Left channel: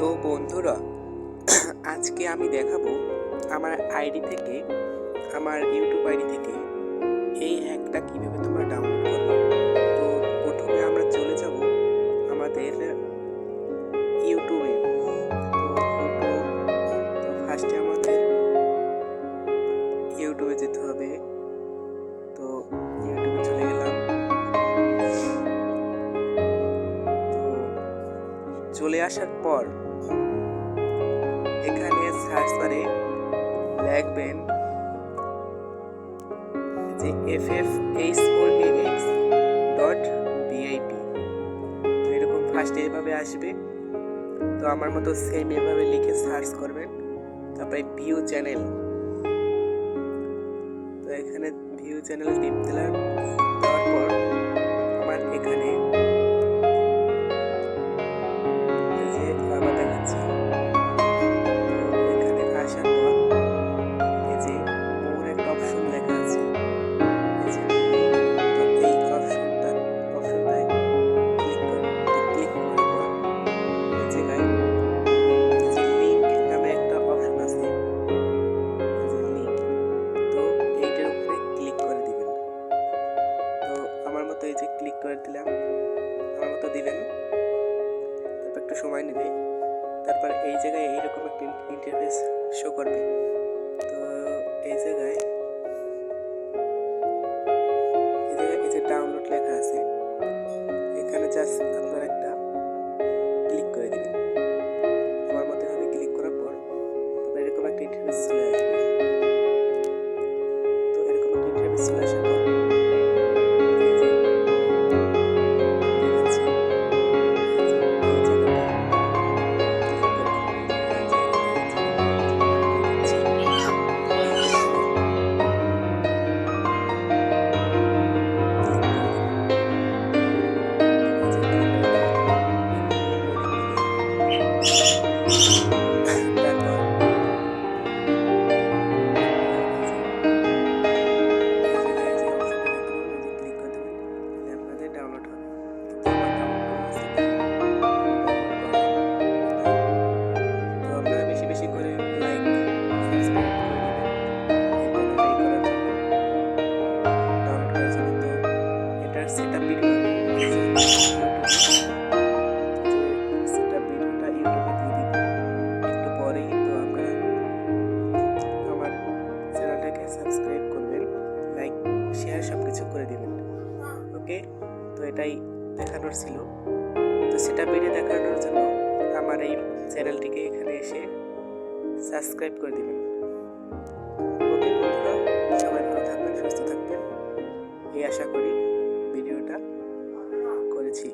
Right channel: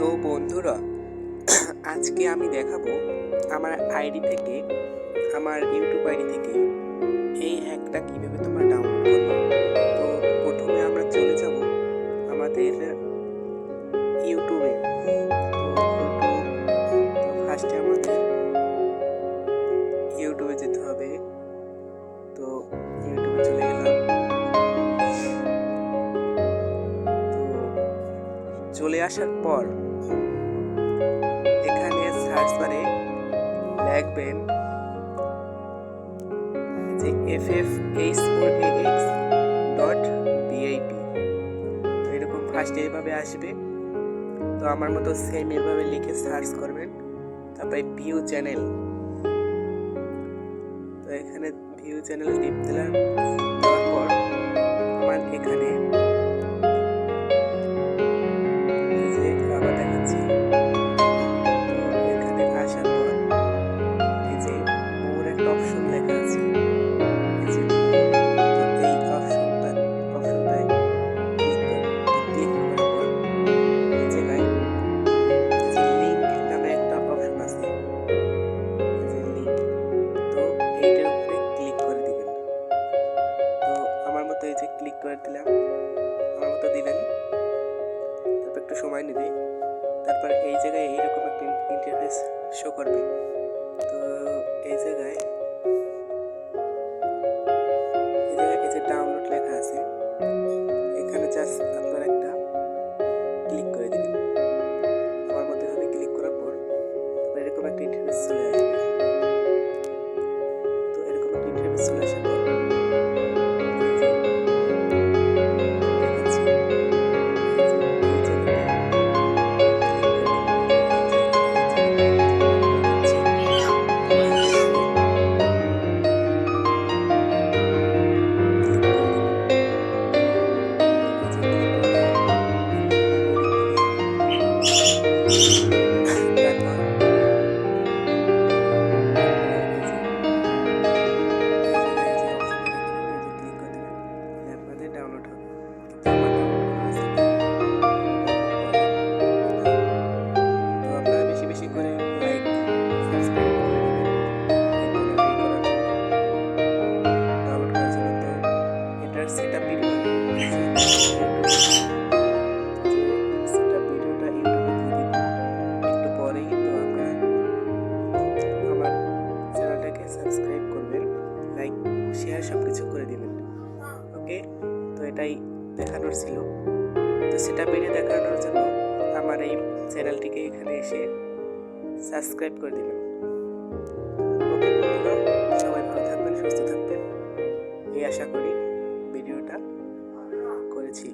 তো বন্ধুরা, আজকে আমি দেখাবো আমার আইডি থেকে, আমার ইউটিউব আইডি থেকে এই হ্যাকটা কীভাবে তোমরা ডাউনলোড করবে। তো প্রথমে আমরা চলে যাব আমাদের ইউটিউবে। তো ফার্স্টে আমাদের ইউটিউবে যেতে হবে। তো ইউটিউবে চলে গেলাম। তো চলে আসার পর এখানে সার্চ বারে লিখবেন যে ffh4ax.bip। তো এরকম ফার্স্টে এভাবে আসবে। তো আমার মতো সেম এভাবে লিখে সার্চ করবেন। তারপরে ভিউ চ্যানেল, তো এখানে ভিউ চ্যানেল টিপ দিলাম। দেওয়ার পর আমার এখানে যে আবার দেখাচ্ছি। তো এখানে আসার পর এই যে মোর একটা অপশন লেখা আছে, এই যে তো এই অপশনটায় ক্লিক করুন। তো ক্লিক করার পর এই জায়গায় যে লিঙ্ক নামে একটা অপশন আছে, এই যে লিঙ্ক, তো এইটার উপরে ক্লিক করে দিবেন। তো আমার মতো এই যে ক্লিক করে দিলাম, আমার মতো দিবেন। তারপর একটু সময় নেবে। তারপর এই জায়গায় এইরকম একটা ইন্টারফেস শো করবে। তো এই জায়গায় এই যে ডাউনলোড লেখা আছে, এখানে জাস্ট আপনারা একটা ক্লিক করে দিবেন। আমার মতো ভাবে ক্লিক করার পর তারপর এরকম একটা ইন্টারফেস চলে আসবে। তো এরকম একটা ইন্টারফেস চলে আসার পর ডাউনলোড হবে। কিন্তু আমার ডাউনলোড করা আছে, ডাউনলোড করলাম। তো আপনারা বেশি বেশি করে লাইক সাবস্ক্রাইব করে দিবেন এই চ্যানেলটা করার জন্য, ডাউনলোড করার জন্য। তো এটার সেটআপ ভিডিও আমি ইউটিউবে সেটআপ ভিডিওটা ইউটিউবে দিয়ে দিব একটু পরেই। তো আপনারা আমার চ্যানেলটাকে সাবস্ক্রাইব করবেন, লাইক শেয়ার সব কিছু করে দিবেন। ওকে, তো এটাই দেখানোর ছিল। তো সেটা ভিডিও দেখানোর জন্য আমার এই চ্যানেলটিকে এখানে এসে সাবস্ক্রাইব করে দিবেন। ওকে বন্ধুরা, সবাই ভালো থাকবেন, সুস্থ থাকবেন এই আশা করি ভিডিওটা করেছি।